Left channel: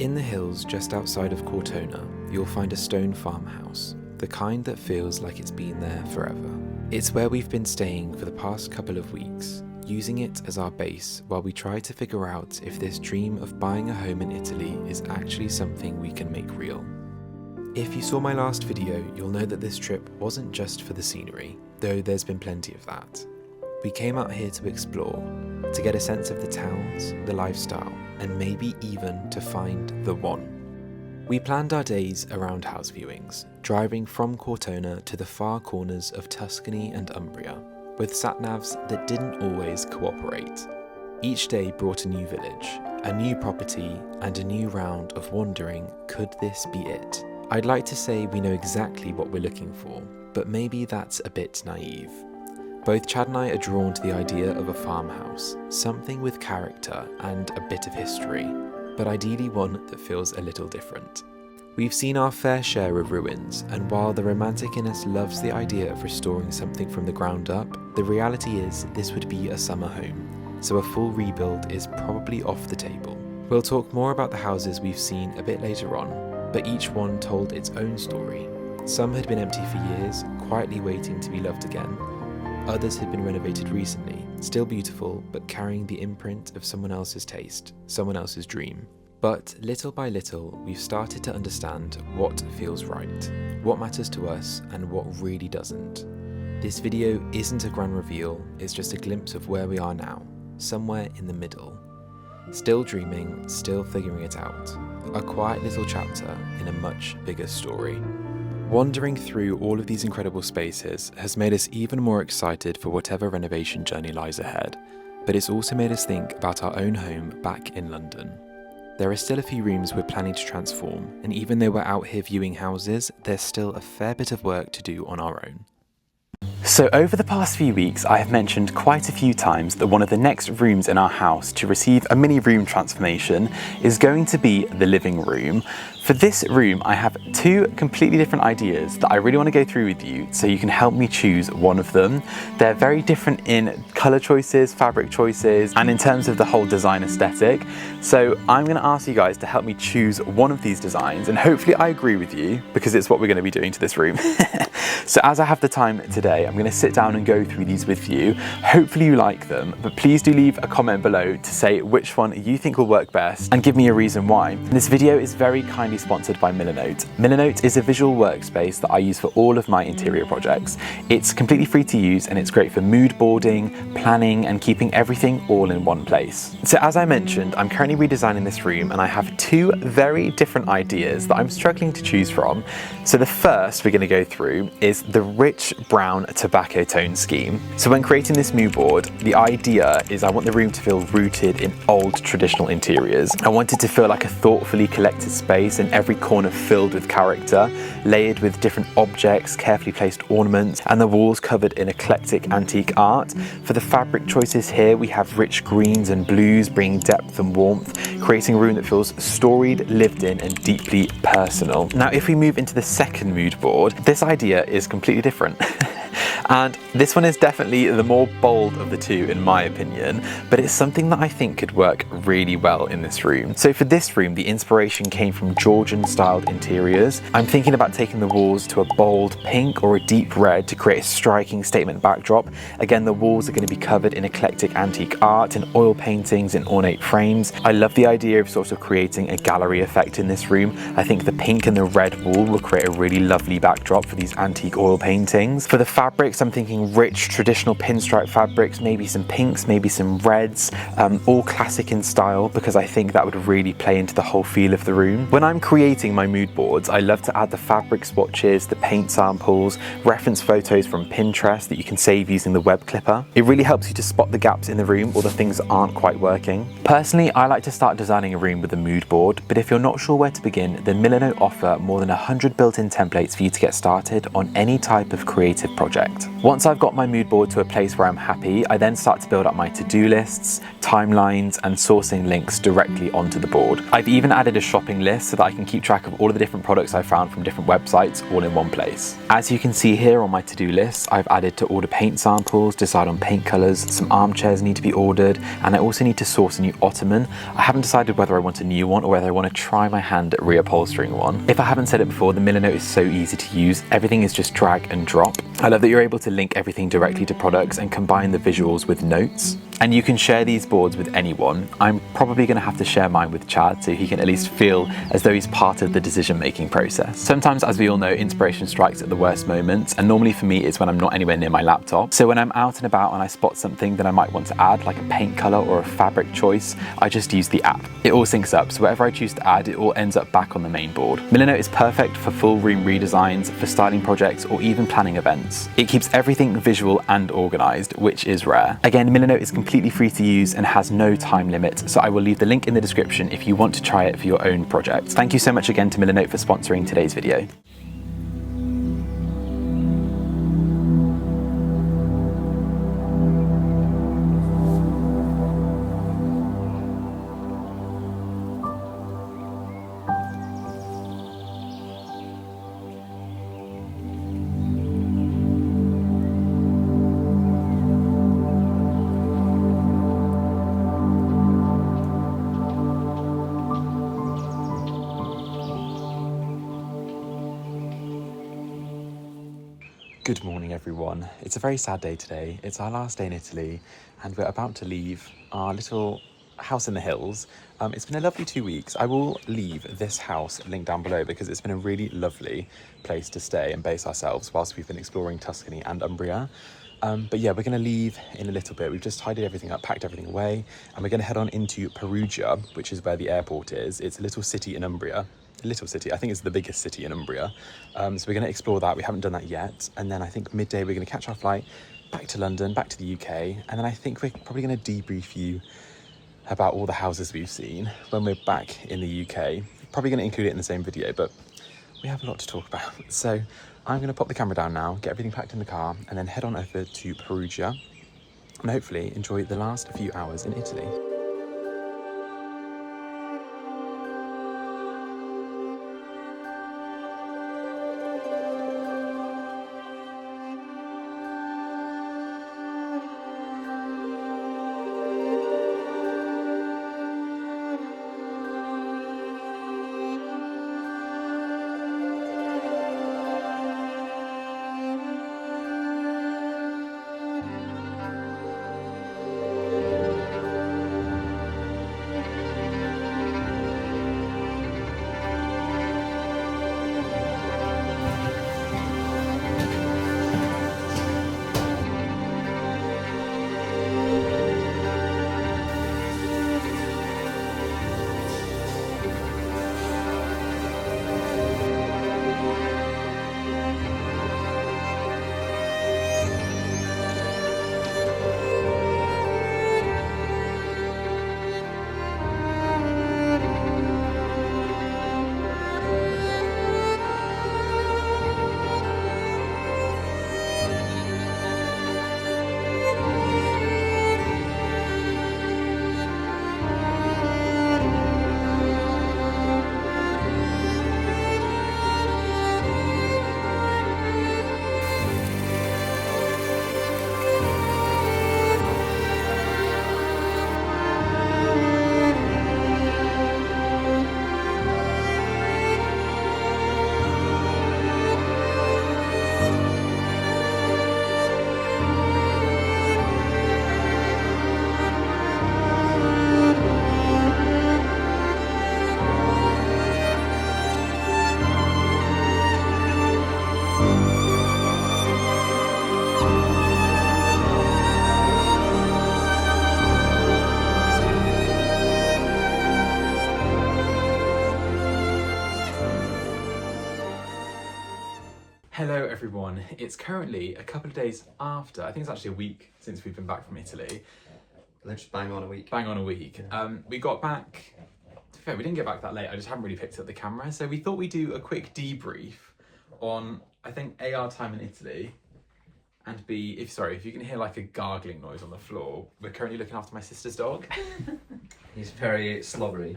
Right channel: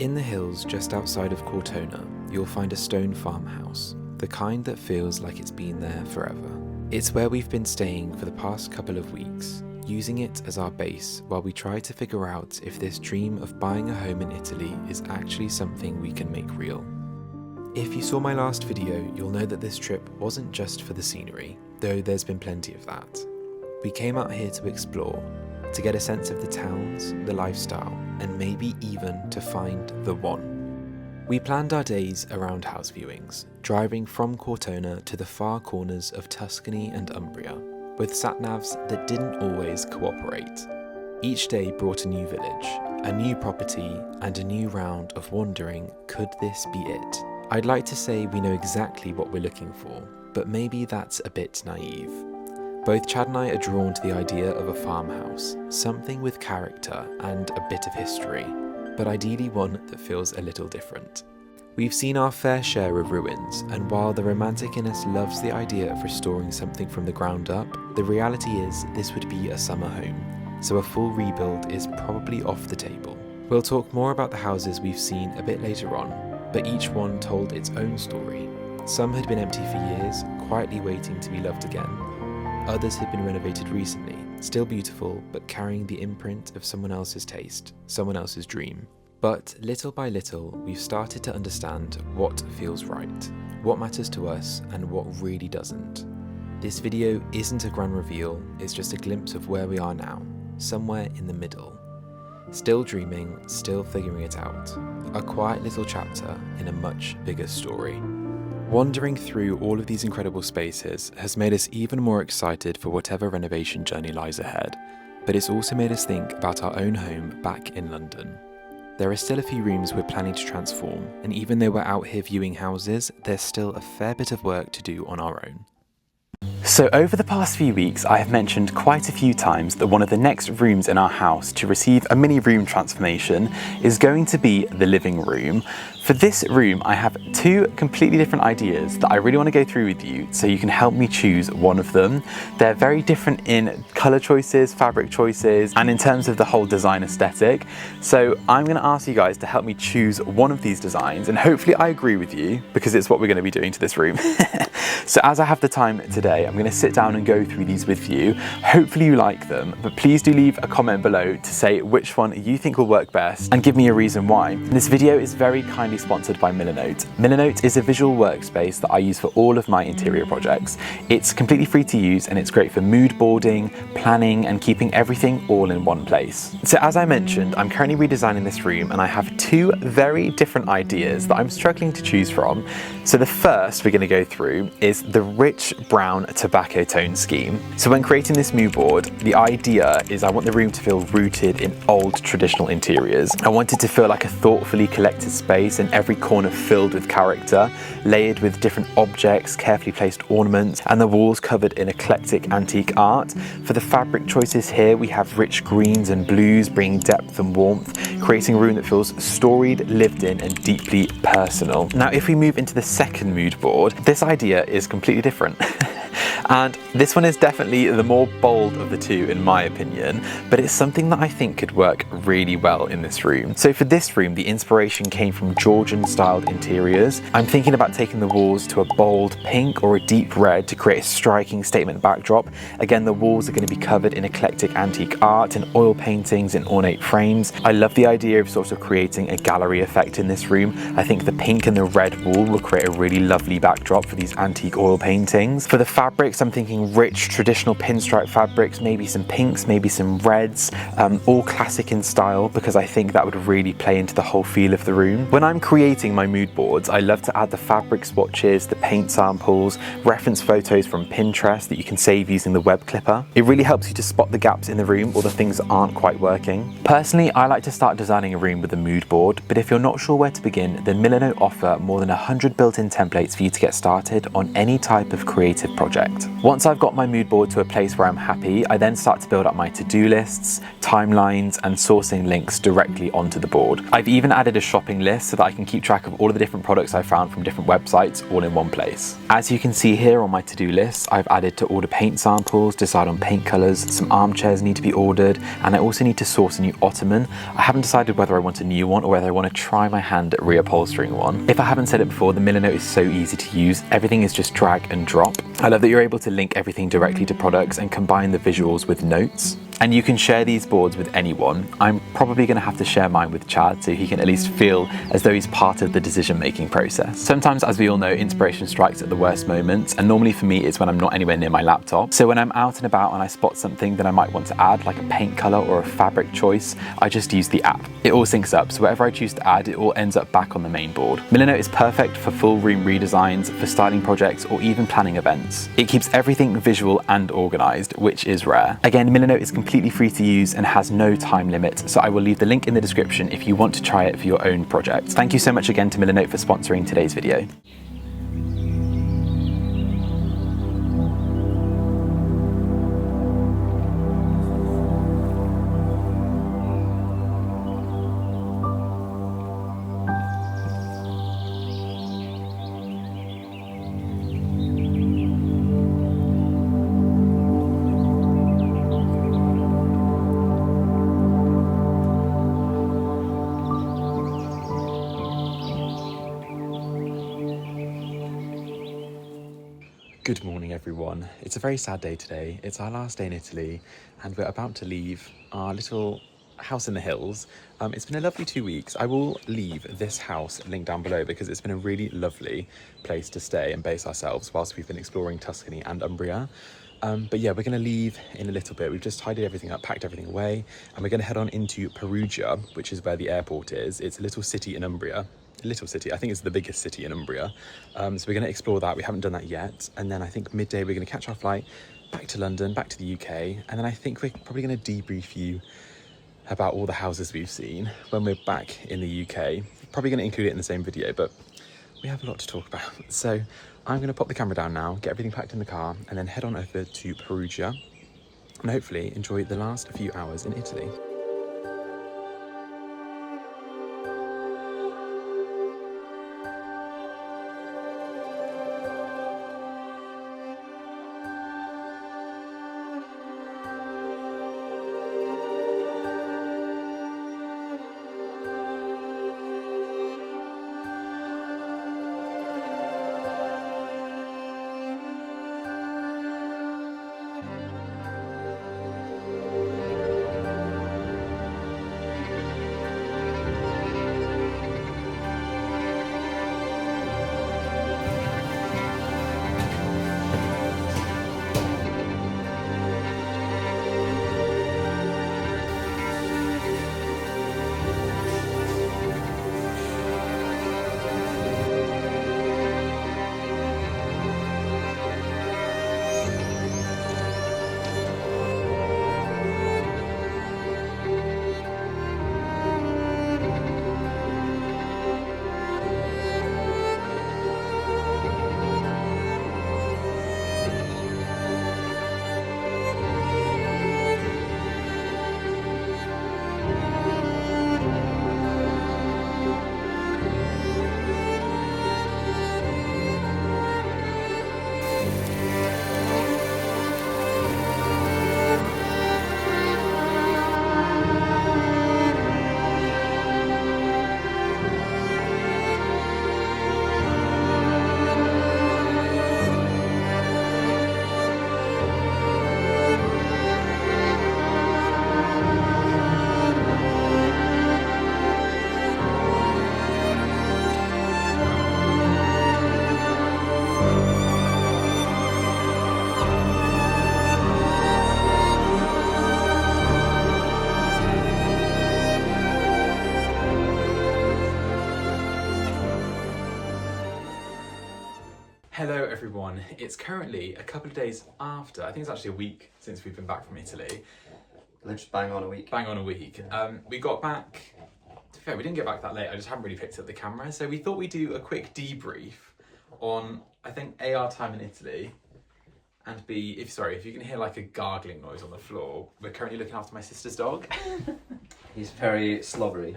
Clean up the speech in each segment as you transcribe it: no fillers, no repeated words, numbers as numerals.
In the hills just outside of Cortona, you'll find a stone farmhouse, the kind that feels like it's been there forever. It's where we've been staying for the past couple of weeks, using it as our base while we try to figure out if this dream of buying a home in Italy is actually something we can make real. If you saw my last video, you'll know that this trip wasn't just for the scenery, though there's been plenty of that. We came out here to explore, to get a sense of the towns, the lifestyle, and maybe even to find the one. We planned our days around house viewings, driving from Cortona to the far corners of Tuscany and Umbria, with sat-navs that didn't always cooperate. Each day brought a new village, a new property, and a new round of wondering, could this be it? I'd like to say we know exactly what we're looking for, but maybe that's a bit naive. Both Chad and I are drawn to the idea of a farmhouse, something with character and a bit of history, but ideally one that feels a little different. We've seen our fair share of ruins, and while the romantic in us loves the idea of restoring something from the ground up, the reality is this would be a summer home, so a full rebuild is probably off the table. We'll talk more about the houses we've seen a bit later on, but each one told its own story. Some had been empty for years, quietly waiting to be loved again. Others had been renovated recently, still beautiful, but carrying the imprint of someone else's taste, someone else's dream. But little by little, we've started to understand what feels right, what matters to us, and what really doesn't. This video isn't a grand reveal, it's just a glimpse of where we are now, somewhere in the middle. Still dreaming, still figuring it out. A quiet little chapter in a much bigger story. Wandering through all of these incredible spaces has made us even more excited for whatever renovation journey lies ahead, but it's also made us think about our own home back in London. There are still a few rooms we're planning to transform, and even though we're out here viewing houses, there's still a fair bit of work to do on our own. So over the past few weeks, I have mentioned quite a few times that one of the next rooms in our house to receive a mini room transformation is going to be the living room. For this room, I have two completely different ideas that I really want to go through with you so you can help me choose one of them. They're very different in colour choices, fabric choices, and in terms of the whole design aesthetic. So I'm going to ask you guys to help me choose one of these designs, and hopefully I agree with you because it's what we're going to be doing to this room. So as I have the time today, I'm going to sit down and go through these with you. Hopefully you like them, but please do leave a comment below to say which one you think will work best and give me a reason why. This video is very kindly sponsored by Milanote. Milanote is a visual workspace that I use for all of my interior projects. It's completely free to use and it's great for mood boarding, planning, and keeping everything all in one place. So as I mentioned, I'm currently redesigning this room and I have two very different ideas that I'm struggling to choose from. So the first we're going to go through is the rich brown tobacco tone scheme. So when creating this mood board, the idea is I want the room to feel rooted in old traditional interiors. I want it to feel like a thoughtfully collected space and every corner filled with character, layered with different objects, carefully placed ornaments, and the walls covered in eclectic antique art. For the fabric choices here, we have rich greens and blues, bringing depth and warmth, creating a room that feels storied, lived in, and deeply personal. Now, if we move into the second mood board, this idea is completely different. And this one is definitely the more bold of the two in my opinion, but it's something that I think could work really well in this room. So for this room, the inspiration came from Georgian styled interiors. I'm thinking about taking the walls to a bold pink or a deep red to create a striking statement backdrop. Again, the walls are going to be covered in eclectic antique art and oil paintings in ornate frames. I love the idea of sort of creating a gallery effect in this room. I think the pink and the red wall will create a really lovely backdrop for these antique oil paintings. For the fabrics, I'm thinking rich traditional pinstripe fabrics, maybe some pinks, maybe some reds, all classic in style because I think that would really play into the whole feel of the room. When I'm creating my mood boards, I love to add the fabric swatches, the paint samples, reference photos from Pinterest that you can save using the web clipper. It really helps you to spot the gaps in the room or the things that aren't quite working. Personally, I like to start designing a room with a mood board, but if you're not sure where to begin, then Milanote offer more than 100 built-in templates for you to get started on any type of creative project. project. Once I've got my mood board to a place where I'm happy, I then start to build up my to-do lists, timelines, and sourcing links directly onto the board. I've even added a shopping list so that I can keep track of all of the different products I found from different websites all in one place. As you can see here on my to-do list, I've added to order paint samples, decide on paint colours, some armchairs need to be ordered, and I also need to source a new ottoman. I haven't decided whether I want a new one or whether I want to try my hand at reupholstering one. If I haven't said it before, the Miller Note is so easy to use. Everything is just drag and drop. I love that you're able to link everything directly to products and combine the visuals with notes. And you can share these boards with anyone. I'm probably going to have to share mine with Chad so he can at least feel as though he's part of the decision-making process. Sometimes, as we all know, inspiration strikes at the worst moments, and normally for me it's when I'm not anywhere near my laptop. So when I'm out and about and I spot something that I might want to add, like a paint colour or a fabric choice, I just use the app. It all syncs up, so whatever I choose to add, it all ends up back on the main board. Miller Note is perfect for full room redesigns, for styling projects, or even planning events. It keeps everything visual and organised, which is rare. Again, Miller Note is completely free to use and has no time limit, so I will leave the link in the description if you want to try it for your own project. Thank you so much again to Miller Note for sponsoring today's video. Good morning, everyone. It's a very sad day today. It's our last day in Italy and we're about to leave our little house in the hills. It's been a lovely 2 weeks. I will leave this house linked down below because it's been a really lovely place to stay and base ourselves whilst we've been exploring Tuscany and Umbria. But yeah, we're going to leave in a little bit. We've just tidied everything up, packed everything away, and we're going to head on into Perugia, which is where the airport is. It's a little city in Umbria. A little city, I think it's the biggest city in Umbria. So we're going to explore that. We haven't done that yet. And then I think midday we're going to catch our flight back to London, back to the UK. And then I think we're probably going to debrief you about all the houses we've seen when we're back in the UK. Probably going to include it in the same video, but we have a lot to talk about. So I'm going to pop the camera down now, get everything packed in the car, and then head on over to Perugia and hopefully enjoy the last few hours in Italy. Hello everyone, it's currently a couple of days after, I think it's actually a week since we've been back from Italy. Let's just bang on a week. Bang on a week. We got back, to be fair, we didn't get back that late, I just haven't really picked up the camera, so we thought we'd do a quick debrief on, I think, AR time in Italy, And B, if you can hear like a gargling noise on the floor, we're currently looking after my sister's dog. He's very slobbery.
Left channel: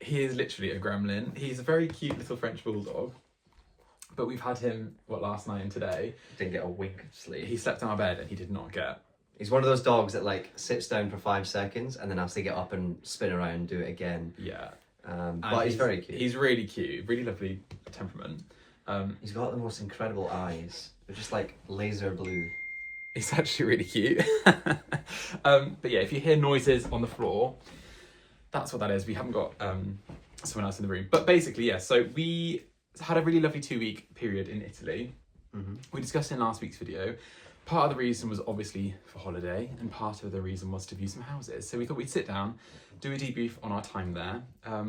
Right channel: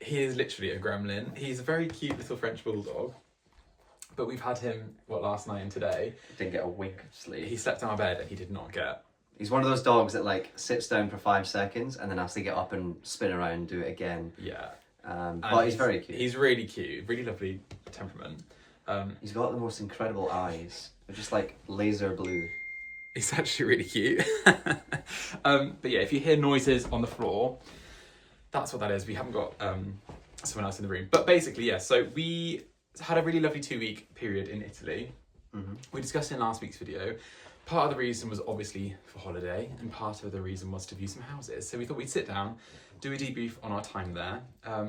He is literally a gremlin. He's a very cute little French bulldog. But we've had him, last night and today. Didn't get a wink of sleep. He slept on our bed and he did not get. He's one of those dogs that like sits down for 5 seconds and then has to get up and spin around and do it again. Yeah. But he's very cute. He's really cute, really lovely temperament. He's got the most incredible eyes. They're just like laser blue. He's actually really cute. But yeah, if you hear noises on the floor, that's what that is. We haven't got someone else in the room. But basically, yeah, so we had a really lovely 2-week period in Italy. Mm-hmm. We discussed in last week's video. Part of the reason was obviously for holiday, and part of the reason was to view some houses. So we thought we'd sit down, do a debrief on our time there,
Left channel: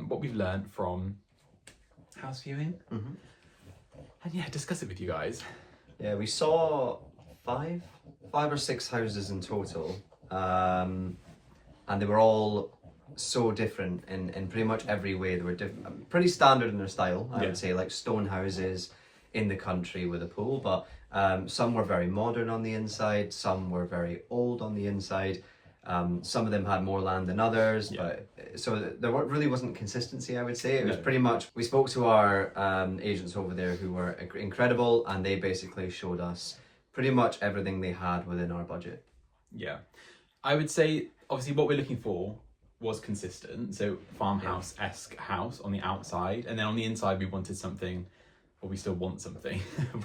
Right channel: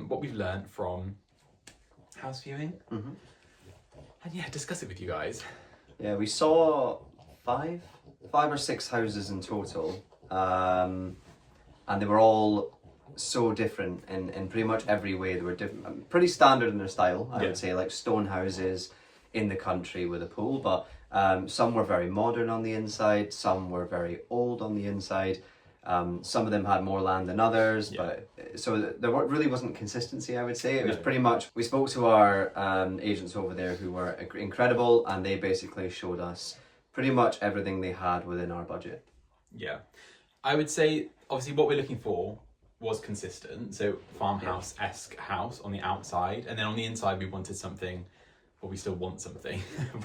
what we've learned from house viewing, and yeah, discuss it with you guys. Yeah, we saw five or six houses in total, and they were all so different in pretty much every way. They were pretty standard in their style, I would say, like stone houses in the country with a pool, but some were very modern on the inside, some were very old on the inside. Some of them had more land than others, but so there really wasn't consistency, I would say. It was pretty much, we spoke to our agents over there who were incredible, and they basically showed us pretty much everything they had within our budget. Yeah, I would say obviously what we're looking for was consistent, so farmhouse-esque house on the outside, and then on the inside we wanted something, or we still want something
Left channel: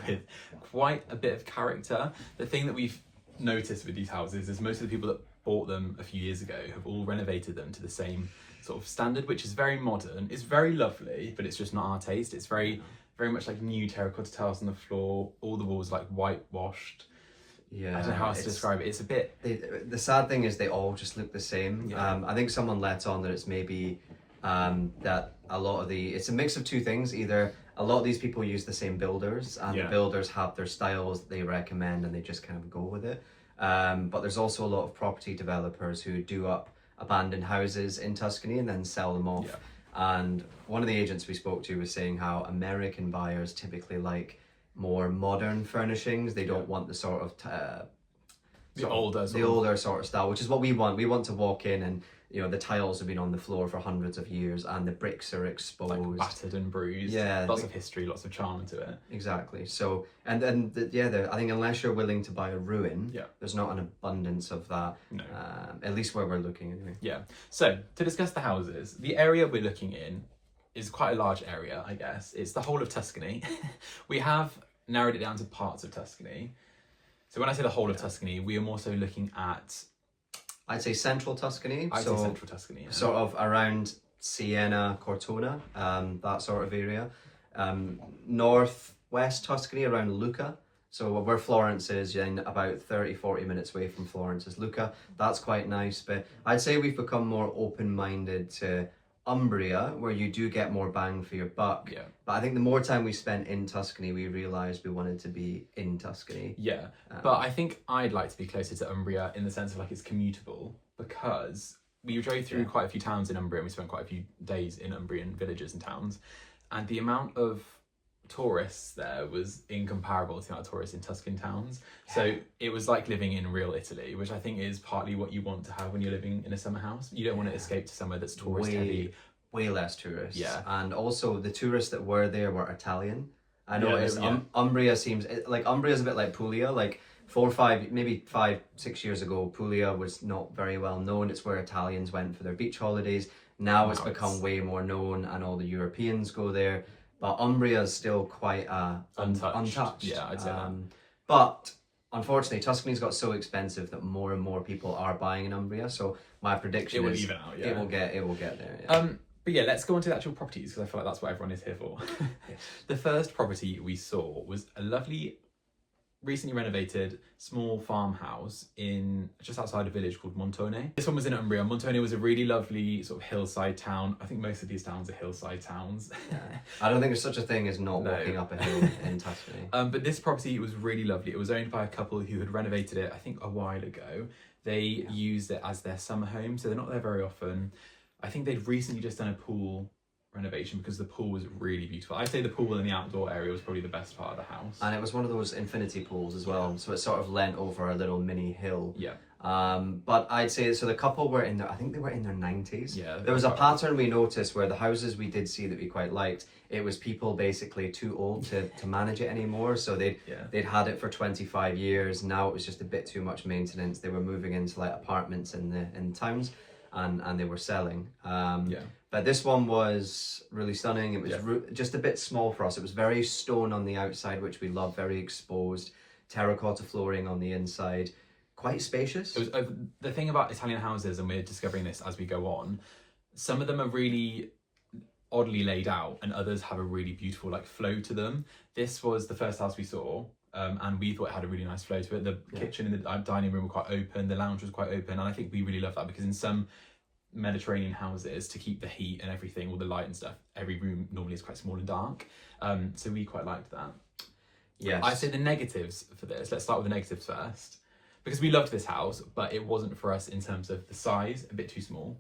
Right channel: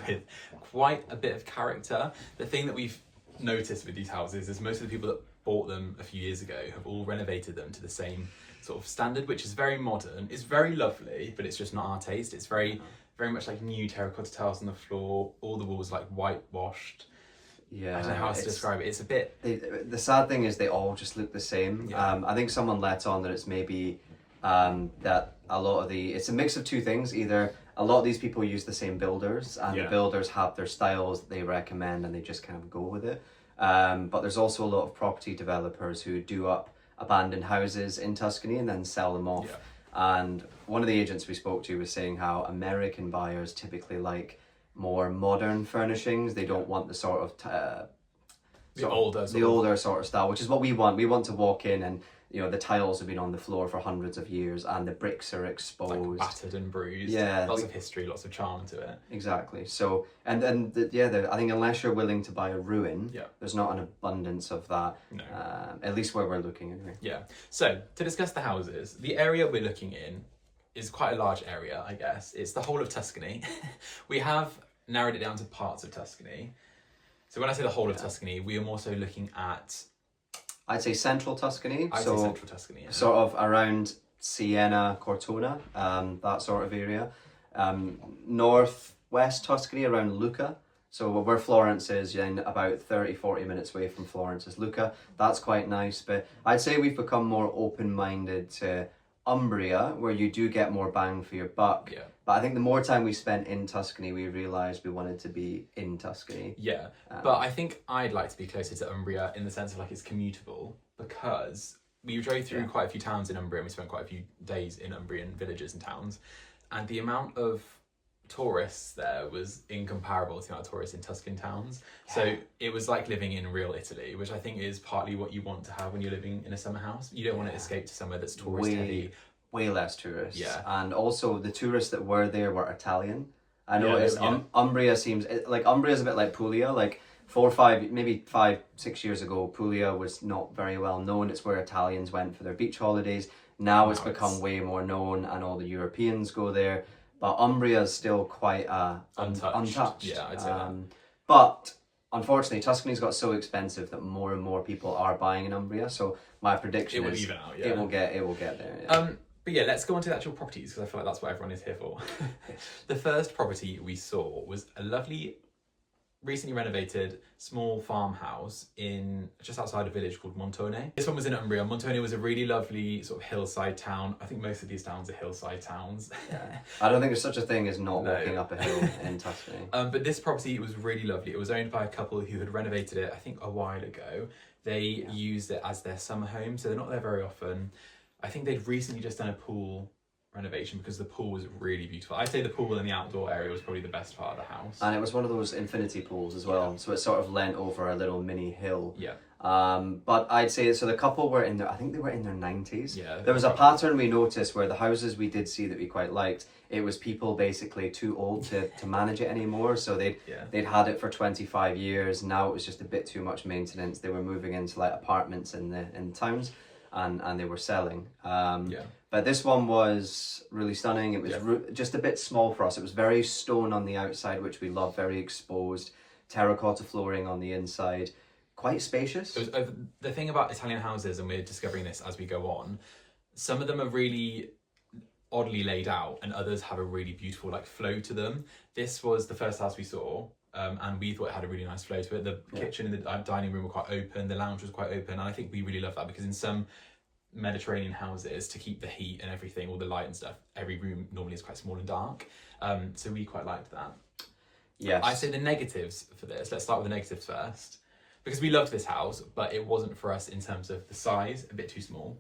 with quite a bit of character. The thing that we've noticed with these houses is most of the people that bought them a few years ago have all renovated them to the same sort of standard, which is very modern. It's very lovely, but it's just not our taste. It's very much like new terracotta tiles on the floor, all the walls like whitewashed. Yeah, I don't know how else to describe it. It's a bit... The sad thing is they all just look the same. Yeah. I think someone let on that it's maybe that a lot of it's a mix of two things. Either a lot of these people use the same builders, and the builders have their styles that they recommend and they just kind of go with it. But there's also a lot of property developers who do up abandoned houses in Tuscany and then sell them off. Yeah. And one of the agents we spoke to was saying how American buyers typically like more modern furnishings. They don't want the sort of older sort of style, which is what we want. We want to walk in and, you know, the tiles have been on the floor for hundreds of years and the bricks are exposed, like battered and bruised. Yeah, lots of history, lots of charm to it. Exactly. So, I think unless you're willing to buy a ruin, there's not an abundance of that. No. At least where we're looking anyway. Yeah. So to discuss the houses, the area we're looking in is quite a large area, I guess. It's the whole of Tuscany. We have narrowed it down to parts of Tuscany. So when I say the whole of Tuscany, we are more so looking at... I'd say central Tuscany. I'd say central Tuscany, yeah. Sort of around Siena, Cortona, that sort of area. Northwest Tuscany, around Lucca. So where Florence is, about 30-40 minutes away from Florence is Lucca. That's quite nice, but I'd say we've become more open-minded to Umbria, where you do get more bang for your buck. Yeah. But I think the more time we spent in Tuscany, we realised we wanted to be in Tuscany. Yeah, but I think I'd like to be closer to Umbria in the sense of like it's commutable, because we drove through quite a few towns in Umbria and we spent quite a few days in Umbrian villages and towns, and the amount of tourists there was incomparable to the amount of tourists in Tuscan towns. So it was like living in real Italy, which I think is partly what you want to have when you're living in a summer house. You don't want to escape to somewhere that's tourist heavy. Way less tourists. Yeah. And also the tourists that were there were Italian. I noticed Umbria seems like Umbria's a bit like Puglia. Like 5-6 years ago, Puglia was not very well known. It's where Italians went for their beach holidays. Now it's become way more known and all the Europeans go there. But Umbria is still quite untouched. Yeah, I'd say that. But unfortunately, Tuscany's got so expensive that more and more people are buying in Umbria. So my prediction is even out. Yeah, it will get there. Yeah. But yeah, let's go on to the actual properties, because I feel like that's what everyone is here for. The first property we saw was a lovely, recently renovated small farmhouse in just outside a village called Montone. This one was in Umbria. Montone was a really lovely sort of hillside town. I think most of these towns are hillside towns. Yeah. I don't think there's such a thing as not walking up a hill in Tuscany. But this property was really lovely. It was owned by a couple who had renovated it, I think, a while ago. They used it as their summer home, so they're not there very often. I think they'd recently just done a pool renovation because the pool was really beautiful. I'd say the pool in the outdoor area was probably the best part of the house. And it was one of those infinity pools as well, so it sort of leant over a little mini hill. Yeah. But I'd say, so the couple were in their, I think they were in their 90s. Yeah. There was a pattern we noticed where the houses we did see that we quite liked, it was people basically too old to manage it anymore. So they'd had it for 25 years. Now it was just a bit too much maintenance. They were moving into like apartments in towns, and they were selling. But this one was really stunning. It was just a bit small for us. It was very stone on the outside, which we love, very exposed, terracotta flooring on the inside. Quite spacious. It was, the thing about Italian houses, and we're discovering this as we go on, some of them are really oddly laid out and others have a really beautiful like flow to them. This was the first house we saw, and we thought it had a really nice flow to it. The kitchen and the dining room were quite open, the lounge was quite open, and I think we really love that because in some Mediterranean houses, to keep the heat and everything, all the light and stuff, every room normally is quite small and dark. So we quite liked that. Yes. I say the negatives for this. Let's start with the negatives first. Because we loved this house, but it wasn't for us in terms of the size, a bit too small.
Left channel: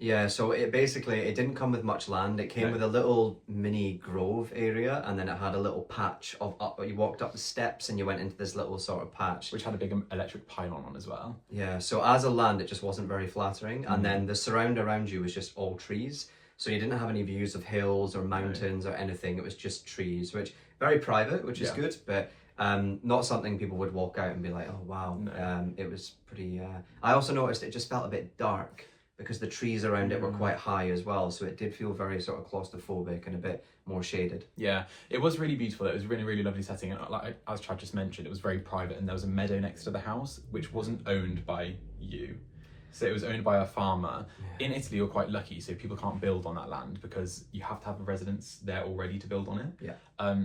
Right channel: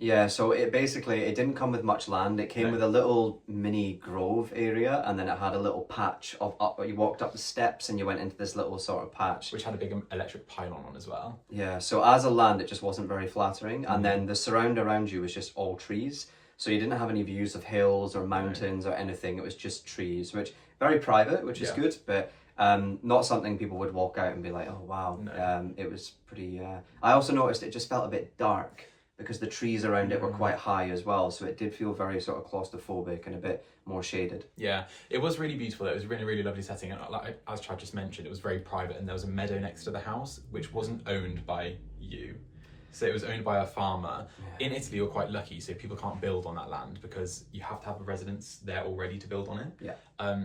Yeah, so it didn't come with much land. It came with a little mini grove area, and then it had a little patch of you walked up the steps and you went into this little sort of patch. Which had a big electric pylon on as well. Yeah, so as a land, it just wasn't very flattering. And then the surround around you was just all trees. So you didn't have any views of hills or mountains or anything. It was just trees, which very private, which is good, but not something people would walk out and be like, oh wow. It was pretty I also noticed it just felt a bit dark because the trees around it were quite high as well, so it did feel very sort of claustrophobic and a bit more shaded. Yeah, it was really beautiful. It was a really, really lovely setting, and like as Chad just mentioned, it was very private, and there was a meadow next to the house which wasn't owned by you. So it was owned by a farmer. In Italy, you're quite lucky, so people can't build on that land because you have to have a residence there already to build on it.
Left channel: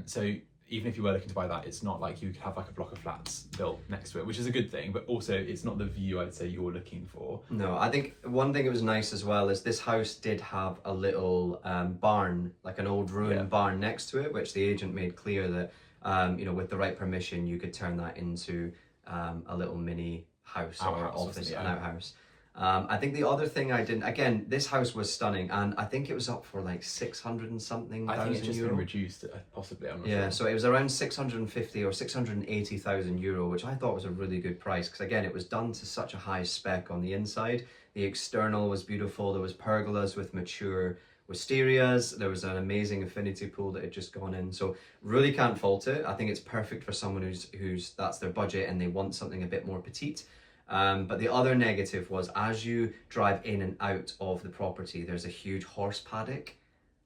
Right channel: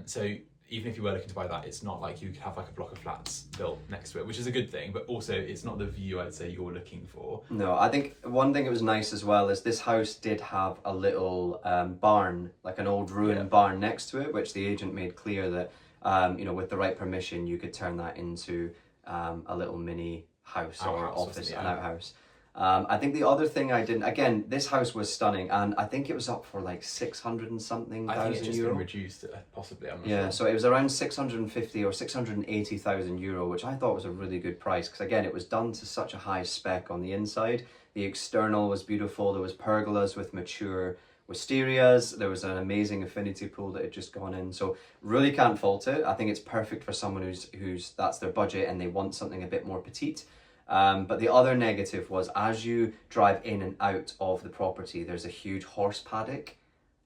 So even if you were looking to buy that, it's not like you could have like a block of flats built next to it, which is a good thing, but also it's not the view I'd say you're looking for. No, I think one thing that was nice as well is this house did have a little barn, like an old ruined barn next to it, which the agent made clear that, you know, with the right permission, you could turn that into a little mini house or office, an outhouse. I think the other thing again, this house was stunning, and I think it was up for like 600 and something. I think it's just been reduced, possibly. I'm not sure. Yeah, so it was around 650 or 680,000 euro, which I thought was a really good price because again, it was done to such a high spec on the inside. The external was beautiful. There was pergolas with mature wisterias. There was an amazing infinity pool that had just gone in. So really can't fault it. I think it's perfect for someone who's that's their budget and they want something a bit more petite. But the other negative was as you drive in and out of the property, there's a huge horse paddock,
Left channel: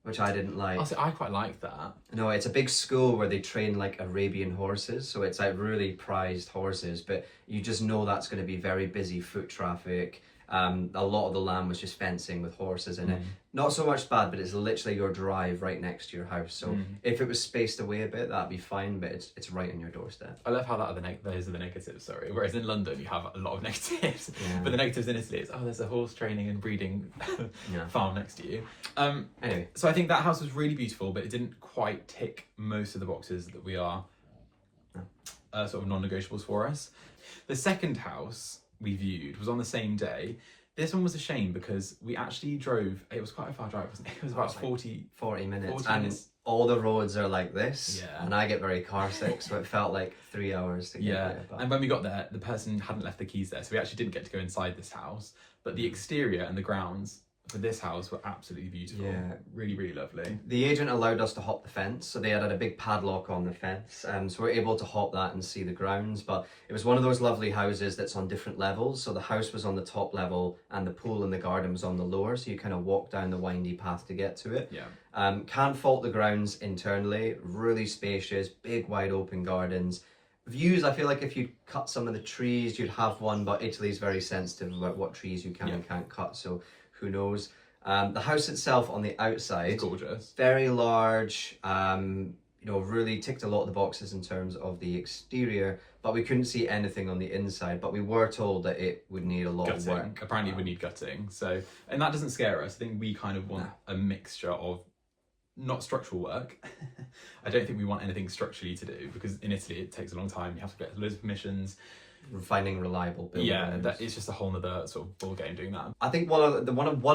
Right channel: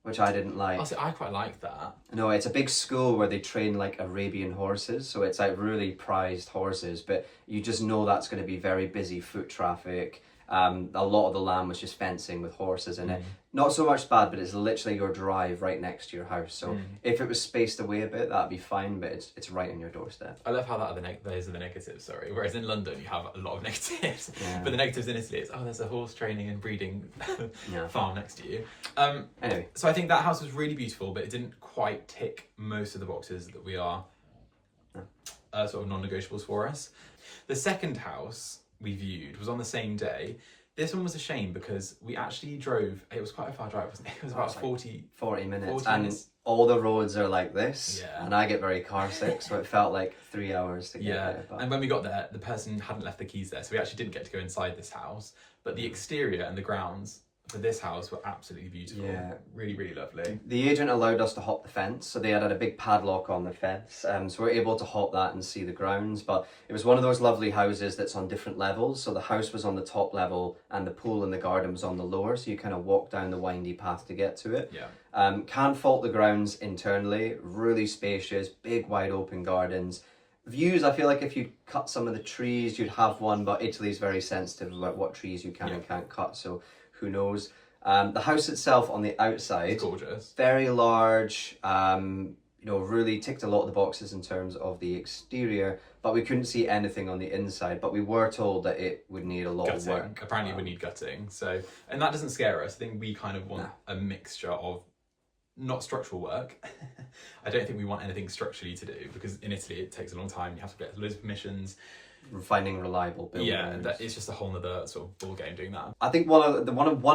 which I didn't like. Honestly, I quite like that. No, it's a big school where they train like Arabian horses, so it's like really prized horses, but you just know that's going to be very busy foot traffic. A lot of the land was just fencing with horses in it. Not so much bad, but it's literally your drive right next to your house. So if it was spaced away a bit, that'd be fine, but it's right on your doorstep. I love how those are the negatives, sorry. Whereas in London, you have a lot of negatives. But the negatives in Italy is, there's a horse training and breeding farm next to you. Anyway. So I think that house was really beautiful, but it didn't quite tick most of the boxes that we are sort of non-negotiables for us. The second house we viewed was on the same day. This one was a shame because we actually drove, it was quite a far drive, wasn't it? It was about 40 minutes. 40 minutes. All the roads are like this, and I get very car sick, so it felt like 3 hours to get there. And when we got there, the person hadn't left the keys there, so we actually didn't get to go inside this house, but the exterior and the grounds for this house were absolutely beautiful. Really, really lovely. The agent allowed us to hop the fence, so they had a big padlock on the fence, so we're able to hop that and see the grounds. But it was one of those lovely houses that's on different levels, so the house was on the top level and the pool and the garden was on the lower, so you kind of walk down the windy path to get to it. Can't fault the grounds internally, really spacious, big wide open gardens. Views, I feel like if you cut some of the trees you'd have one, but Italy's very sensitive about what trees you can and can't cut, so who knows. The house itself on the outside, it's gorgeous, very large, you know, really ticked a lot of the boxes in terms of the exterior, but we couldn't see anything on the inside, but we were told that it would need a lot of work. Apparently it would need gutting, so, and that doesn't scare us. I think we kind of want a mixture of not structural work. I don't think we want anything structurally to do because in Italy it takes a long time, you have to get loads of permissions. finding reliable buildings. Yeah, that is just a whole nother sort of ball game doing that. I think one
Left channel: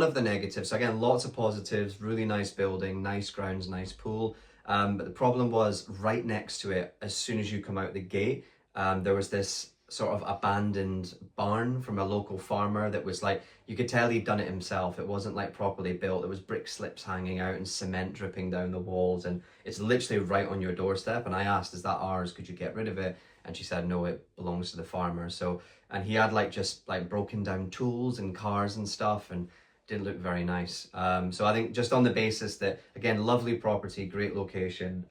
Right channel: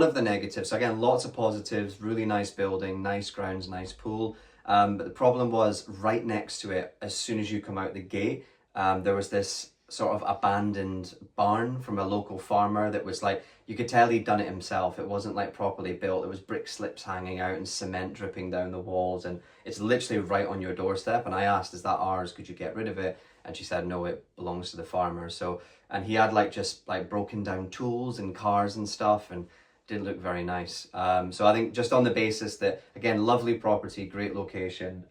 of the negatives. So again, lots of positives. Really nice building, nice grounds, nice pool. But the problem was right next to it. As soon as you come out the gate, there was this sort of abandoned barn from a local farmer that was like, you could tell he'd done it himself. It wasn't like properly built. There was brick slips hanging out and cement dripping down the walls, and it's literally right on your doorstep. And I asked, is that ours? Could you get rid of it? And she said, no, it belongs to the farmer. So, and he had like just like broken down tools and cars and stuff, and didn't look very nice. So I think just on the basis that, again, lovely property, great location,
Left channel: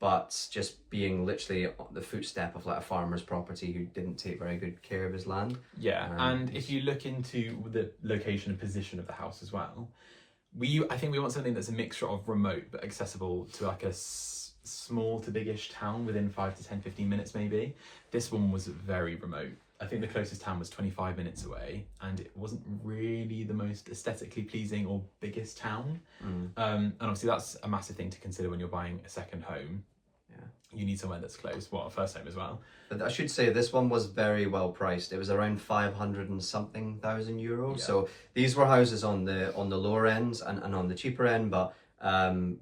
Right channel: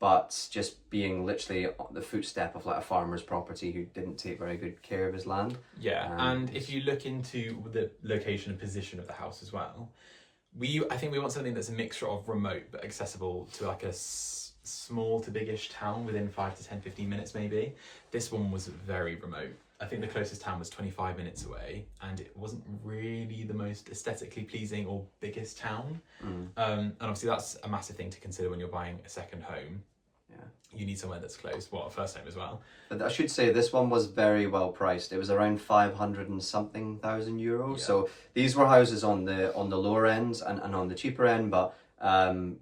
but just being literally on the footstep of like a farmer's property who didn't take very good care of his land. Yeah, and if you look into the location and position of the house as well, I think we want something that's a mixture of remote but accessible to like a small to biggish town within 5 to 10, 15 minutes maybe. This one was very remote. I think the closest town was 25 minutes away, and it wasn't really the most aesthetically pleasing or biggest town. And obviously that's a massive thing to consider when you're buying a second home. Yeah, you need somewhere that's close. Well, a first home as well. But I should say this one was very well priced. It was around 500 and something thousand euros. Yeah. So these were houses on the lower ends and on the cheaper end, but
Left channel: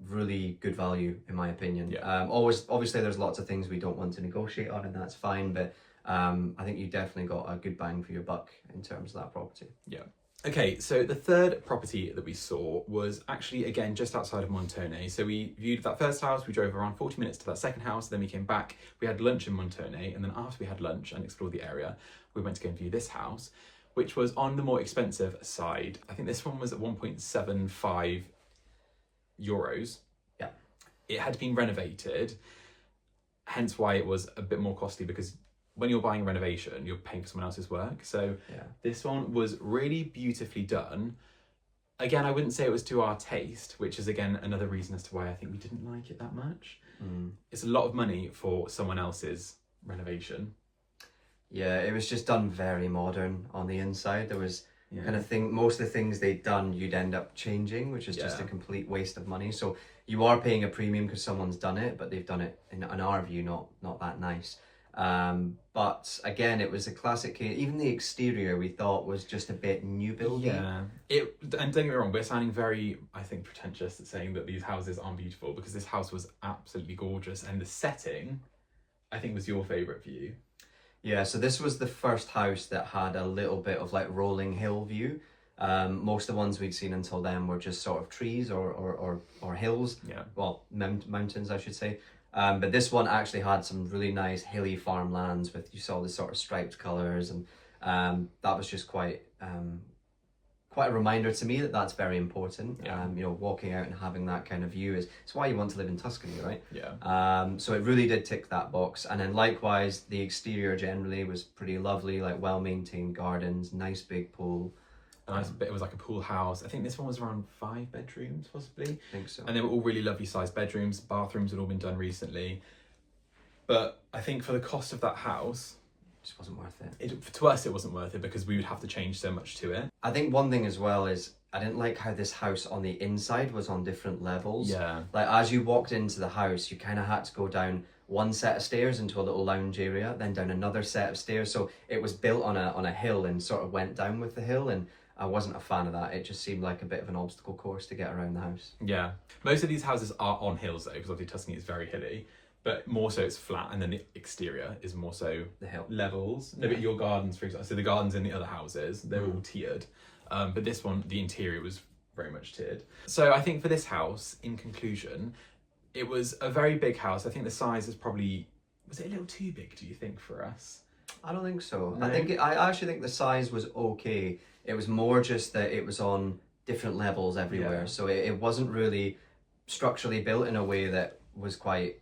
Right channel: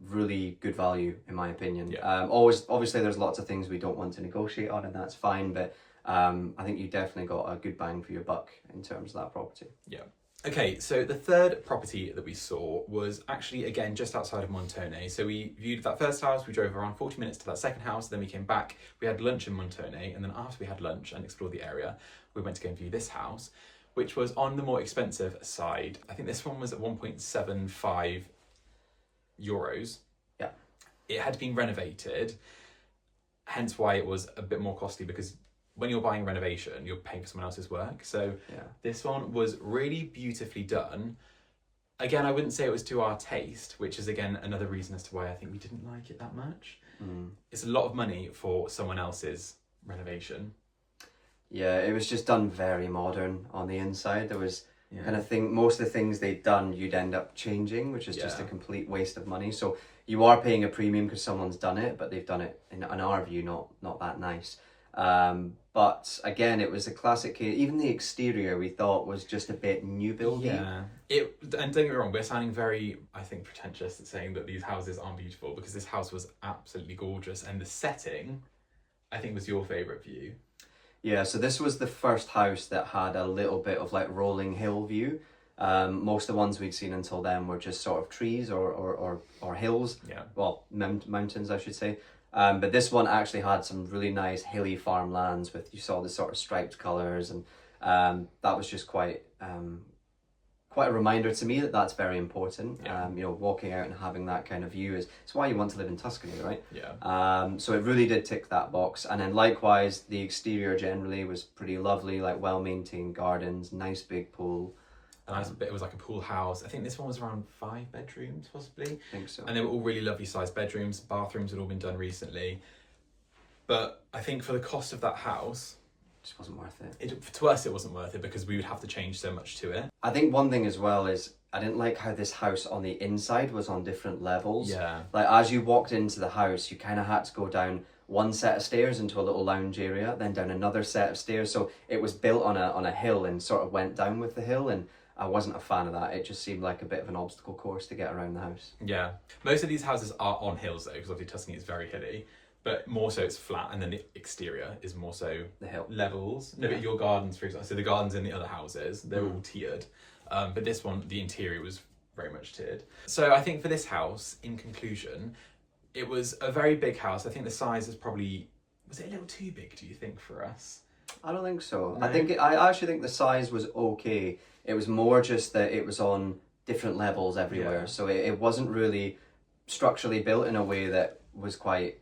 really good value in my opinion. Yeah. Obviously there's lots of things we don't want to negotiate on, and that's fine, but I think you definitely got a good bang for your buck in terms of that property. Yeah. Okay, so the third property that we saw was actually, again, just outside of Montone. So we viewed that first house, we drove around 40 minutes to that second house, then we came back, we had lunch in Montone, and then after we had lunch and explored the area, we went to go and view this house, which was on the more expensive side. I think this one was at 1.75 euros. Yeah. It had been renovated, hence why it was a bit more costly, because when you're buying a renovation, you're paying for someone else's work. So This one was really beautifully done. Again, I wouldn't say it was to our taste, which is again another reason as to why I think we didn't like it that much. It's a lot of money for someone else's renovation. Yeah, it was just done very modern on the inside. There was kind of most of the things they'd done, you'd end up changing, which is just a complete waste of money. So you are paying a premium because someone's done it, but they've done it, in our view, not that nice. But again, it was a classic case. Even the exterior we thought was just a bit new building. Yeah. And don't get me wrong, we're sounding very, I think, pretentious at saying that these houses aren't beautiful, because this house was absolutely gorgeous, and the setting, I think, was your favourite view. Yeah, so this was the first house that had a little bit of like rolling hill view. Most of the ones we'd seen until then were just sort of trees or hills. Yeah. Well, mountains, I should say. But this one actually had some really nice hilly farmlands with, you saw the sort of striped colours, and that was just quite a reminder to me that that's very important. Yeah. Walking out and having that kind of view it's why you want to live in Tuscany, right? Yeah. So it really did tick that box. And then likewise, the exterior generally was pretty lovely, like well-maintained gardens, nice big pool. It was like a pool house. I think this one was around 5 bedrooms, possibly. I think so. And they were all really lovely sized bedrooms. Bathrooms had all been done recently. But I think for the cost of that house, it just wasn't worth it. To us, it wasn't worth it, because we would have to change so much to it. I think one thing as well is I didn't like how this house on the inside was on different levels. Yeah. Like as you walked into the house, you kind of had to go down one set of stairs into a little lounge area, then down another set of stairs. So it was built on a hill and sort of went down with the hill, and I wasn't a fan of that. It just seemed like a bit of an obstacle course to get around the house. Yeah. Most of these houses are on hills though, because obviously Tuscany is very hilly, but more so it's flat, and then the exterior is more so the hill levels. No, but your gardens, for example, so the gardens in the other houses, they're all tiered. But this one, the interior was very much tiered. So I think for this house, in conclusion, it was a very big house. I think the size is probably, was it a little too big, do you think, for us? I don't think so. No? I actually think the size was okay. It was more just that it was on different levels everywhere. Yeah. So it wasn't really structurally built in a way that was quite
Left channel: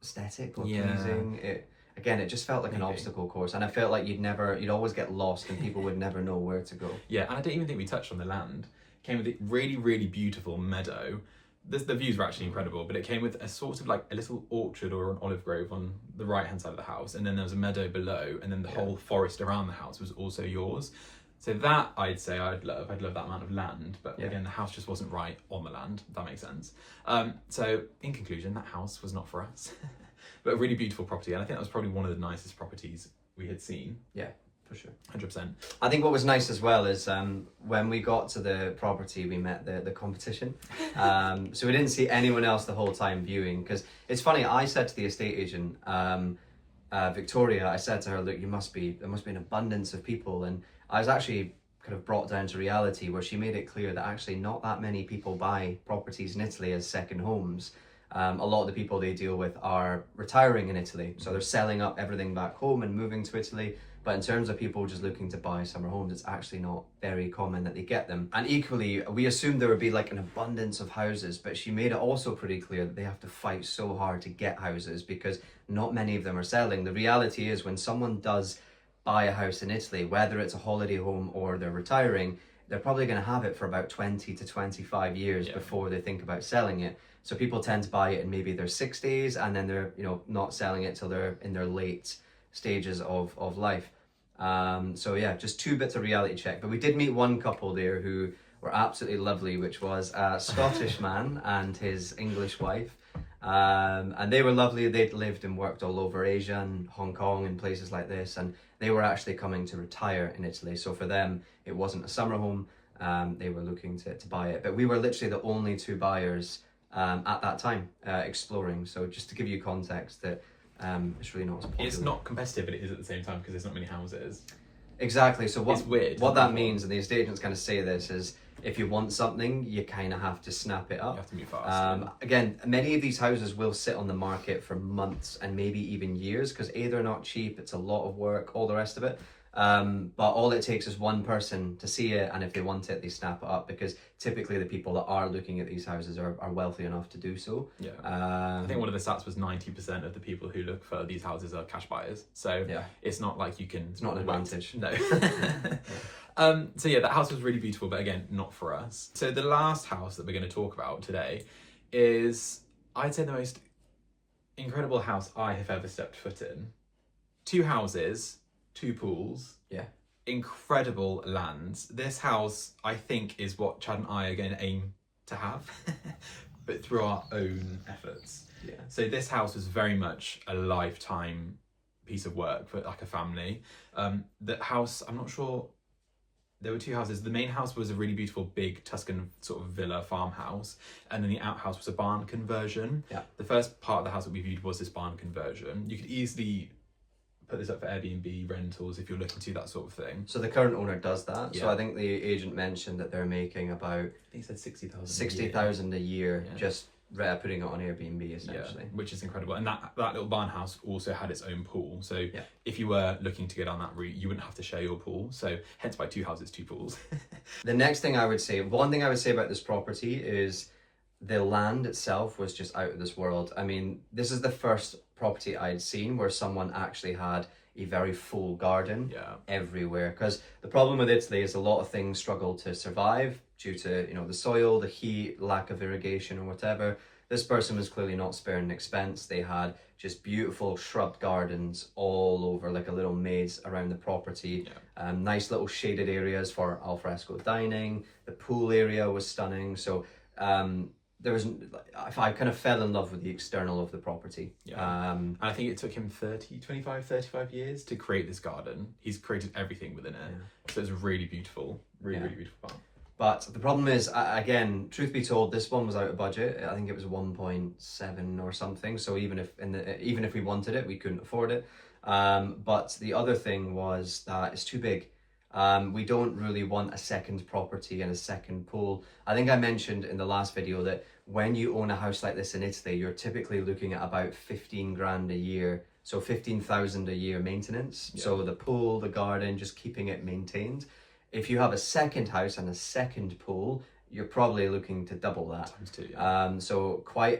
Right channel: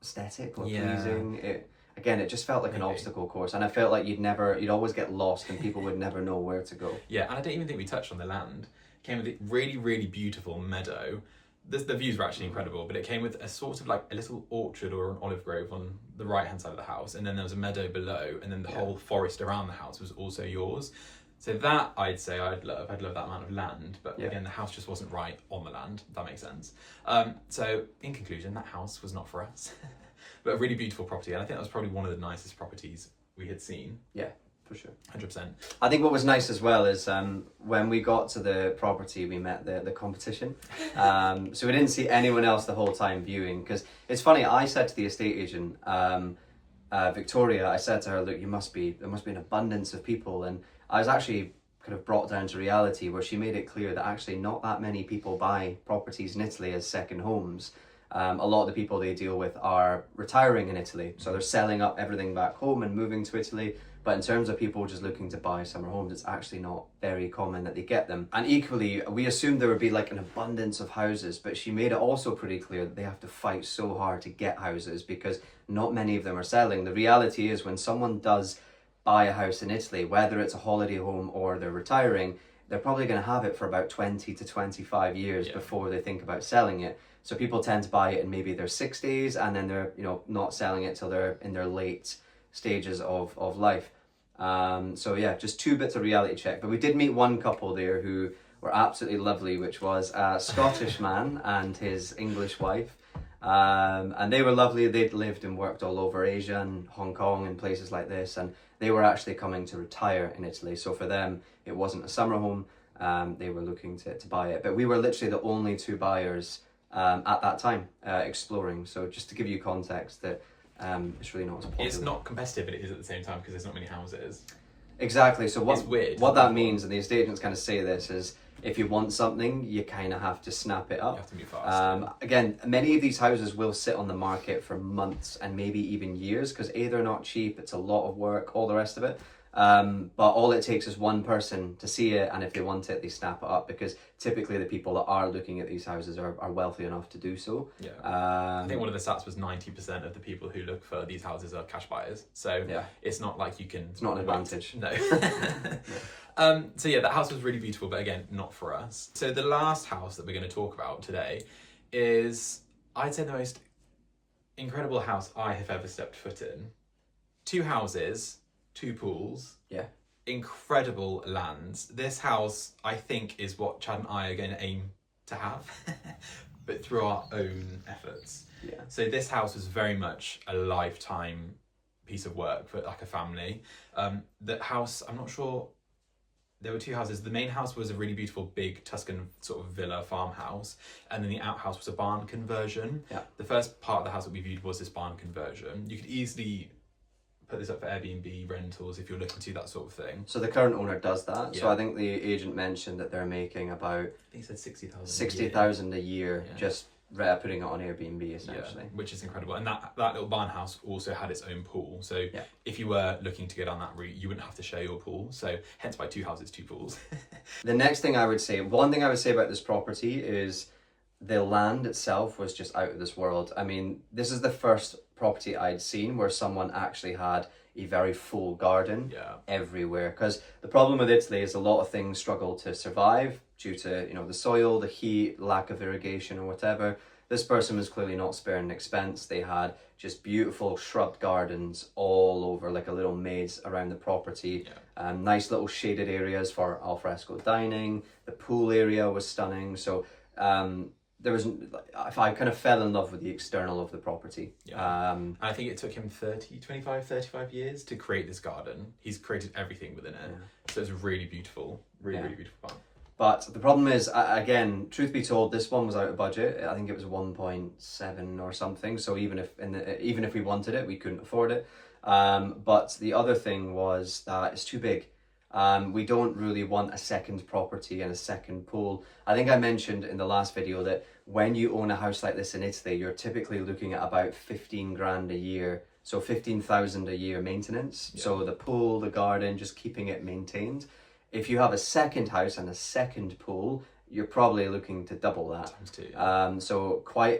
aesthetic or pleasing. It just felt like an obstacle course, and I felt like you'd always get lost and people would never know where to go. Yeah, and I don't even think we touched on the land. It came with a really, really beautiful meadow. The views were actually incredible, but it came with a sort of like a little orchard or an olive grove on the right hand side of the house, and then there was a meadow below, and then the whole forest around the house was also yours. So that, I'd say I'd love that amount of land, but again, the house just wasn't right on the land, if that makes sense. So in conclusion, that house was not for us, but a really beautiful property. And I think that was probably one of the nicest properties we had seen. Yeah, for sure. 100%. I think what was nice as well is when we got to the property, we met the competition. So we didn't see anyone else the whole time viewing, because it's funny, I said to the estate agent, Victoria, I said to her, look, there must be an abundance of people, and I was actually kind of brought down to reality where she made it clear that actually not that many people buy properties in Italy as second homes. A lot of the people they deal with are retiring in Italy, so they're selling up everything back home and moving to Italy. But in terms of people just looking to buy summer homes, it's actually not very common that they get them. And equally, we assumed there would be like an abundance of houses, but she made it also pretty clear that they have to fight so hard to get houses because not many of them are selling. The reality is when someone does buy a house in Italy, whether it's a holiday home or they're retiring, they're probably going to have it for about 20 to 25 years before they think about selling it. So people tend to buy it in maybe their 60s, and then they're not selling it till they're in their late stages of life. So yeah, just two bits of reality check. But we did meet one couple there who were absolutely lovely, which was a Scottish man and his English wife. And they were lovely. They'd lived and worked all over Asia and Hong Kong and places like this, and they were actually coming to retire in Italy. So for them, it wasn't a summer home. They were looking to buy it. But we were literally the only two buyers at that time exploring. So just to give you context that it's really not as popular. It's not competitive, but it is at the same time because there's not many houses. Exactly. So it's weird. What that means, and the estate agents kind of say this, is if you want something, you kind of have to snap it up. You have to move fast. Again, many of these houses will sit on the market for months and maybe even years because A, they're not cheap, it's a lot of work, all the rest of it. But all it takes is one person to see it, and if they want it, they snap it up because typically the people that are looking at these houses are wealthy enough to do so. Yeah. I think one of the stats was 90% of the people who look for these houses are cash buyers. So it's not like you can... It's not an advantage. No. So yeah, that house was really beautiful, but again, not for us. So the last house that we're going to talk about today is, I'd say, the most incredible house I have ever stepped foot in. 2 houses, 2 pools. Yeah. Incredible lands. This house, I think, is what Chad and I are going to aim to have, but through our own efforts. Yeah. So this house was very much a lifetime piece of work for like a family. The house, I'm not sure, there were 2 houses. The main house was a really beautiful big Tuscan sort of villa farmhouse, and then the outhouse was a barn conversion. Yeah. The first part of the house that we viewed was this barn conversion. You could easily put this up for Airbnb rentals if you're looking to do that sort of thing. So the current owner does that. Yeah. So I think the agent mentioned that they're making about... I think he said 60,000 a year just putting it on Airbnb essentially. Yeah, which is incredible. And that little barn house also had its own pool. So if you were looking to go down that route, you wouldn't have to share your pool. So hence why 2 houses, 2 pools. The next thing I would say, one thing I would say about this property is the land itself was just out of this world. I mean, this is the first property I'd seen where someone actually had a very full garden everywhere. Because the problem with Italy is a lot of things struggle to survive due to the soil, the heat, lack of irrigation or whatever. This person was clearly not sparing expense. They had just beautiful shrub gardens all over, like a little maze around the property. Nice little shaded areas for alfresco dining. The pool area was stunning. So I kind of fell in love with the external of the property. And I think it took him 35 years to create this garden. He's created everything within it. So it's really beautiful, really beautiful farm. But the problem is, again, truth be told, this one was out of budget. I think it was 1.7 or something. So even if we wanted it, we couldn't afford it. But the other thing was that it's too big. We don't really want a second property and a second pool. I think I mentioned in the last video that when you own a house like this in Italy, you're typically looking at about 15 grand a year. So 15,000 a year maintenance. So the pool, the garden, just keeping it maintained. If you have a second house and a second pool, you're probably looking to double that. Times 2.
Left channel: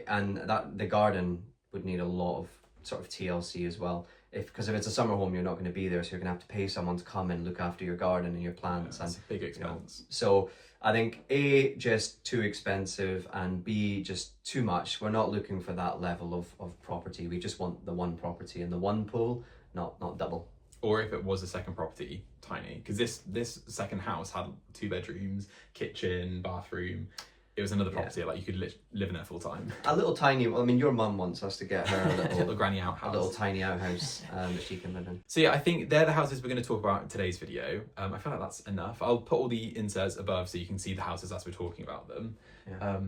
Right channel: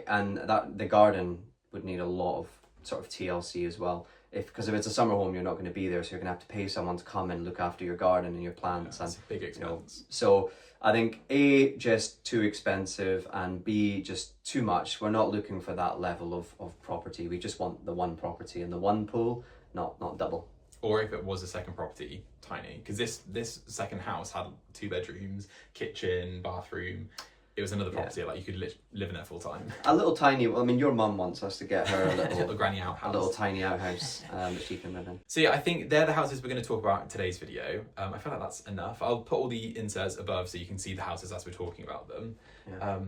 And the garden would need a lot of sort of TLC as well. Because if it's a summer home, you're not going to be there, so you're going to have to pay someone to come and look after your garden and your plants. That's a big expense. So I think A, just too expensive, and B, just too much. We're not looking for that level of property. We just want the one property and the one pool, not double. Or if it was a second property, tiny. Because this second house had 2 bedrooms, kitchen, bathroom. it was another property, like you could live in it full time. A little tiny, I mean, your mum wants us to get her a little granny outhouse. A little tiny outhouse that she can live in. So yeah, I think they're the houses we're going to talk about in today's video. I feel like that's enough. I'll put all the inserts above so you can see the houses as we're talking about them. Yeah.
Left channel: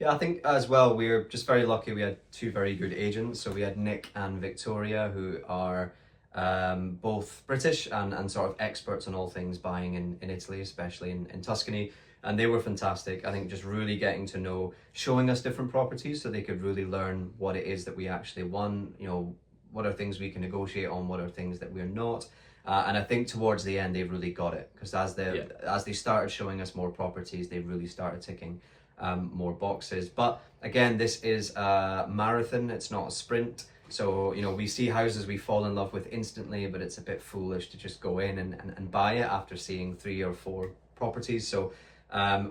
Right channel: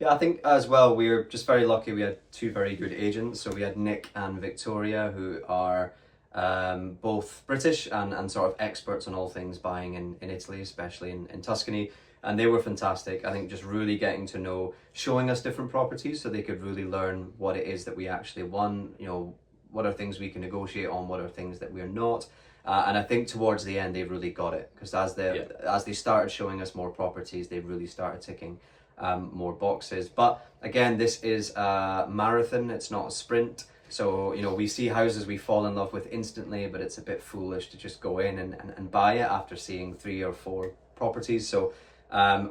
Yeah, I think as well, we're just very lucky. We had two very good agents. So we had Nick and Victoria, who are both British and sort of experts on all things buying in Italy, especially in Tuscany. And they were fantastic. I think just really getting to know, showing us different properties so they could really learn what it is that we actually want, you know, what are things we can negotiate on, what are things that we're not. And I think towards the end, they really got it, because as they started showing us more properties, they really started ticking more boxes. But again, this is a marathon, it's not a sprint. So, you know, we see houses we fall in love with instantly, but it's a bit foolish to just go in and buy it after seeing 3 or 4 properties. So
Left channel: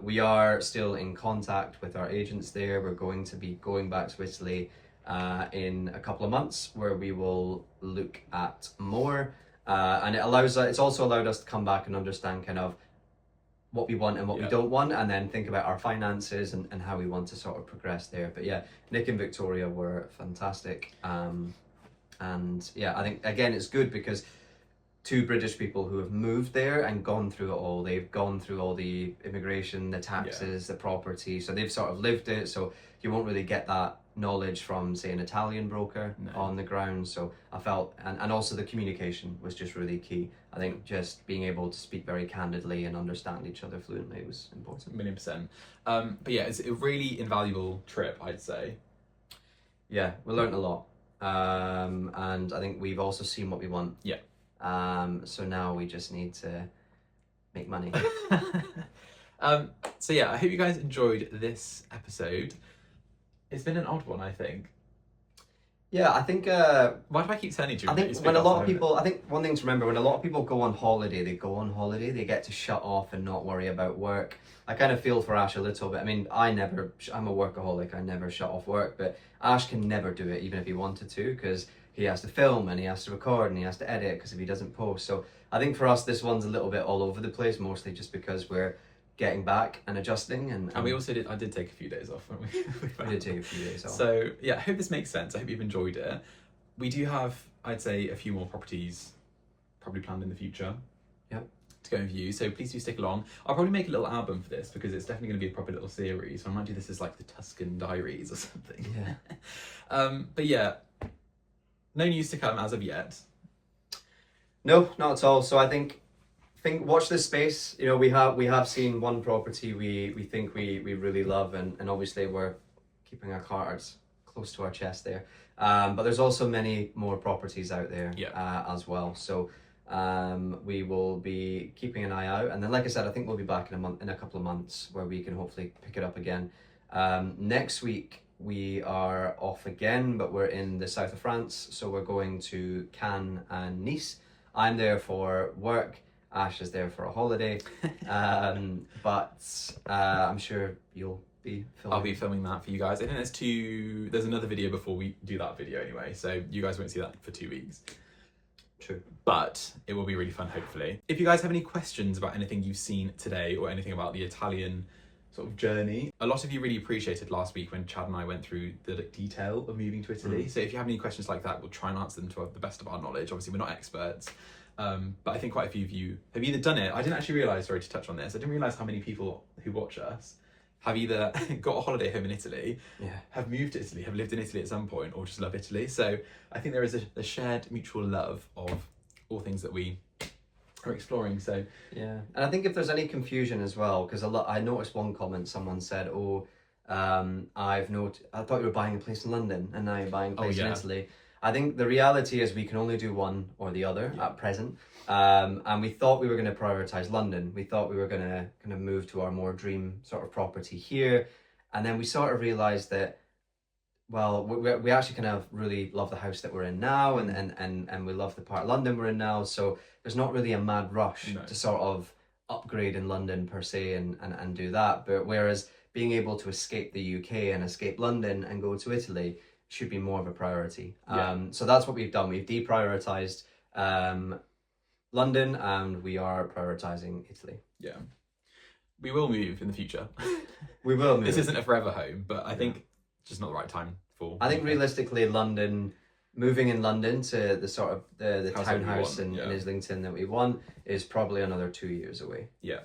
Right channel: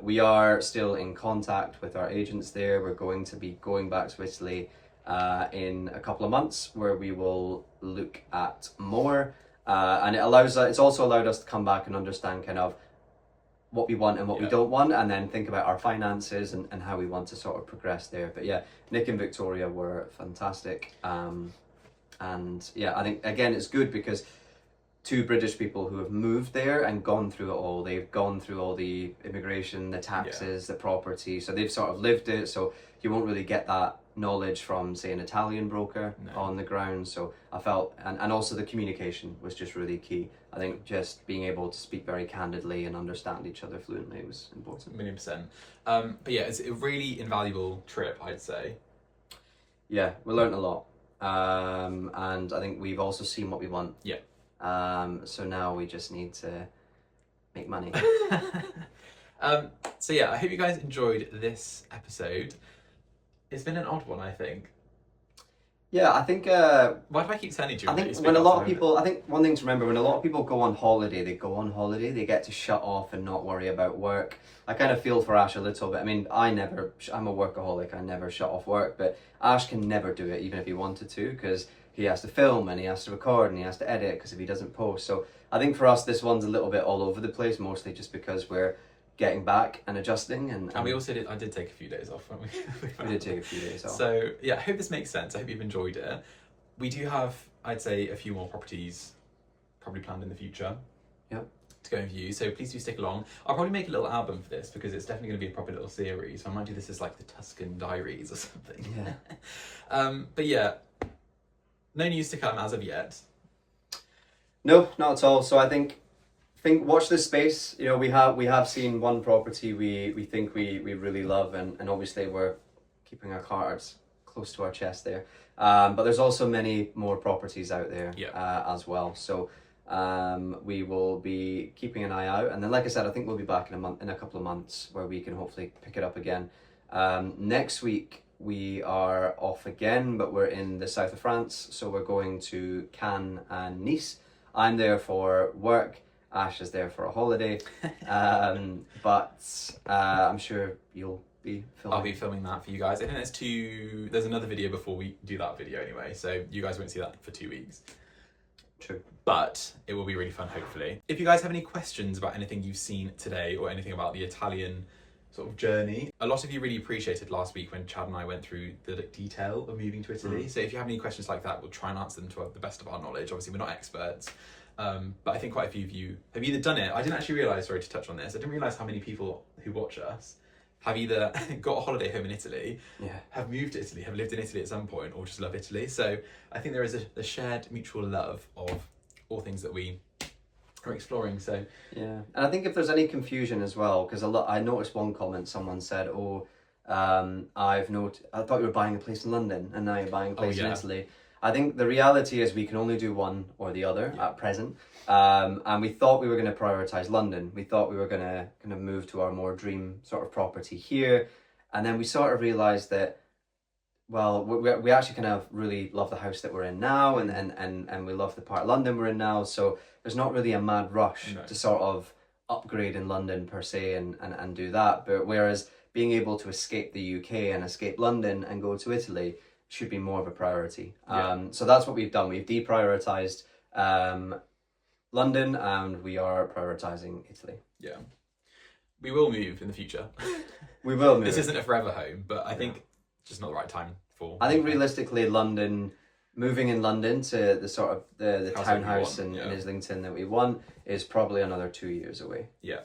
we are still in contact with our agents there. We're going to be going back to Italy in a couple of months, where we will look at more. And it's also allowed us to come back and understand kind of what we want and what we don't want, and then think about our finances and how we want to sort of progress there. But yeah, Nick and Victoria were fantastic. And yeah, I think again, it's good because 2 British people who have moved there and gone through it all. They've gone through all the immigration, the taxes, the property. So they've sort of lived it. So you won't really get that knowledge from, say, an Italian broker on the ground. So I felt, and also the communication was just really key. I think just being able to speak very candidly and understand each other fluently was important. 1,000,000%. But yeah, it's a really invaluable trip, I'd say. Yeah, we learned a lot. And I think we've also seen what we want. Yeah. So now we just need to make money. So yeah, I hope you guys enjoyed this episode. It's been an odd one, I think. Yeah, I think... why do I keep telling you? I think when a lot of people... I think one thing to remember, when a lot of people go on holiday, they get to shut off and not worry about work. I kind of feel for Ash a little bit. I mean, I'm a workaholic, I never shut off work, but Ash can never do it, even if he wanted to, because he has to film and he has to record and he has to edit, because if he doesn't post. So I think for us, this one's a little bit all over the place, mostly just because we're getting back and adjusting. And we also I did take a few days off, when we did take a few days off. So yeah, I hope this makes sense. I hope you've enjoyed it. We do have, I'd say, a few more properties probably planned in the future. Yep. To go and view, so please do stick along. I'll probably make a little album for this, because it's definitely going to be a proper little series. So I might do this as like the Tuscan Diaries or something. Yeah. But yeah, no news to come as of yet. No, not at all. So I think watch this space. You know, we have seen one property we think we really love, and obviously we're keeping our cards close to our chest there. But there's also many more properties out there as well. So we will be keeping an eye out, and then like I said, I think we'll be back in a couple of months, where we can hopefully pick it up again. Next week we are off again, but we're in the south of France, so we're going to Cannes and Nice. I'm there for work, Ash is there for a holiday, but I'm sure you'll be filming. I'll be filming that for you guys. I think there's another video before we do that video anyway, so you guys won't see that for 2 weeks. True. But it will be really fun, hopefully. If you guys have any questions about anything you've seen today, or anything about the Italian sort of journey, a lot of you really appreciated last week when Chad and I went through the detail of moving to Italy. So if you have any questions like that, we'll try and answer them to the best of our knowledge. Obviously, we're not experts, but I think quite a few of you have either done it. I didn't actually realise, sorry to touch on this, I didn't realise how many people who watch us have either got a holiday home in Italy, have moved to Italy, have lived in Italy at some point, or just love Italy. So I think there is a shared mutual love of all things that we are exploring. So yeah, and I think if there's any confusion as well, because I noticed one comment, someone said, I thought you were buying a place in London and now you're buying a place in Italy. I think the reality is we can only do one or the other at present. And we thought we were going to prioritize London. We thought we were going to kind of move to our more dream sort of property here. And then we sort of realized that, well, we actually kind of really love the house that we're in now, and we love the part of London we're in now. So there's not really a mad rush to sort of upgrade in London per se and do that. But whereas being able to escape the UK and escape London and go to Italy should be more of a priority. So that's what we've done. We've deprioritized London, and we are prioritizing Italy. Yeah. we will move in the future. We will move. This isn't a forever home, but I think just not the right time for. I think realistically, moving in London to the sort of the House that we townhouse want, in yeah. Islington that we want is probably another 2 years away. Yeah.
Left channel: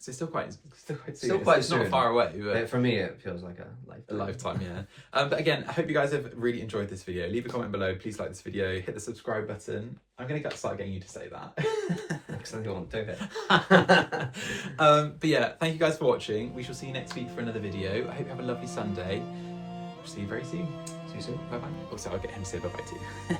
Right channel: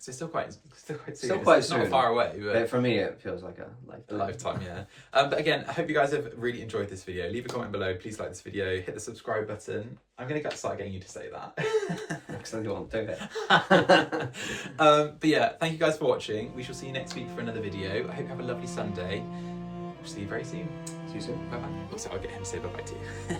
So it's still quite soon. Still quite it's soon. not far away, but For me, it feels like a lifetime, yeah. But again, I hope you guys have really enjoyed this video. Leave a comment below. Please like this video. Hit the subscribe button. I'm going to start getting you to say that. Because I won't do it. But yeah, thank you guys for watching. We shall see you next week for another video. I hope you have a lovely Sunday. See you very soon. See you soon. Bye-bye. Also, I'll get him to say bye-bye too.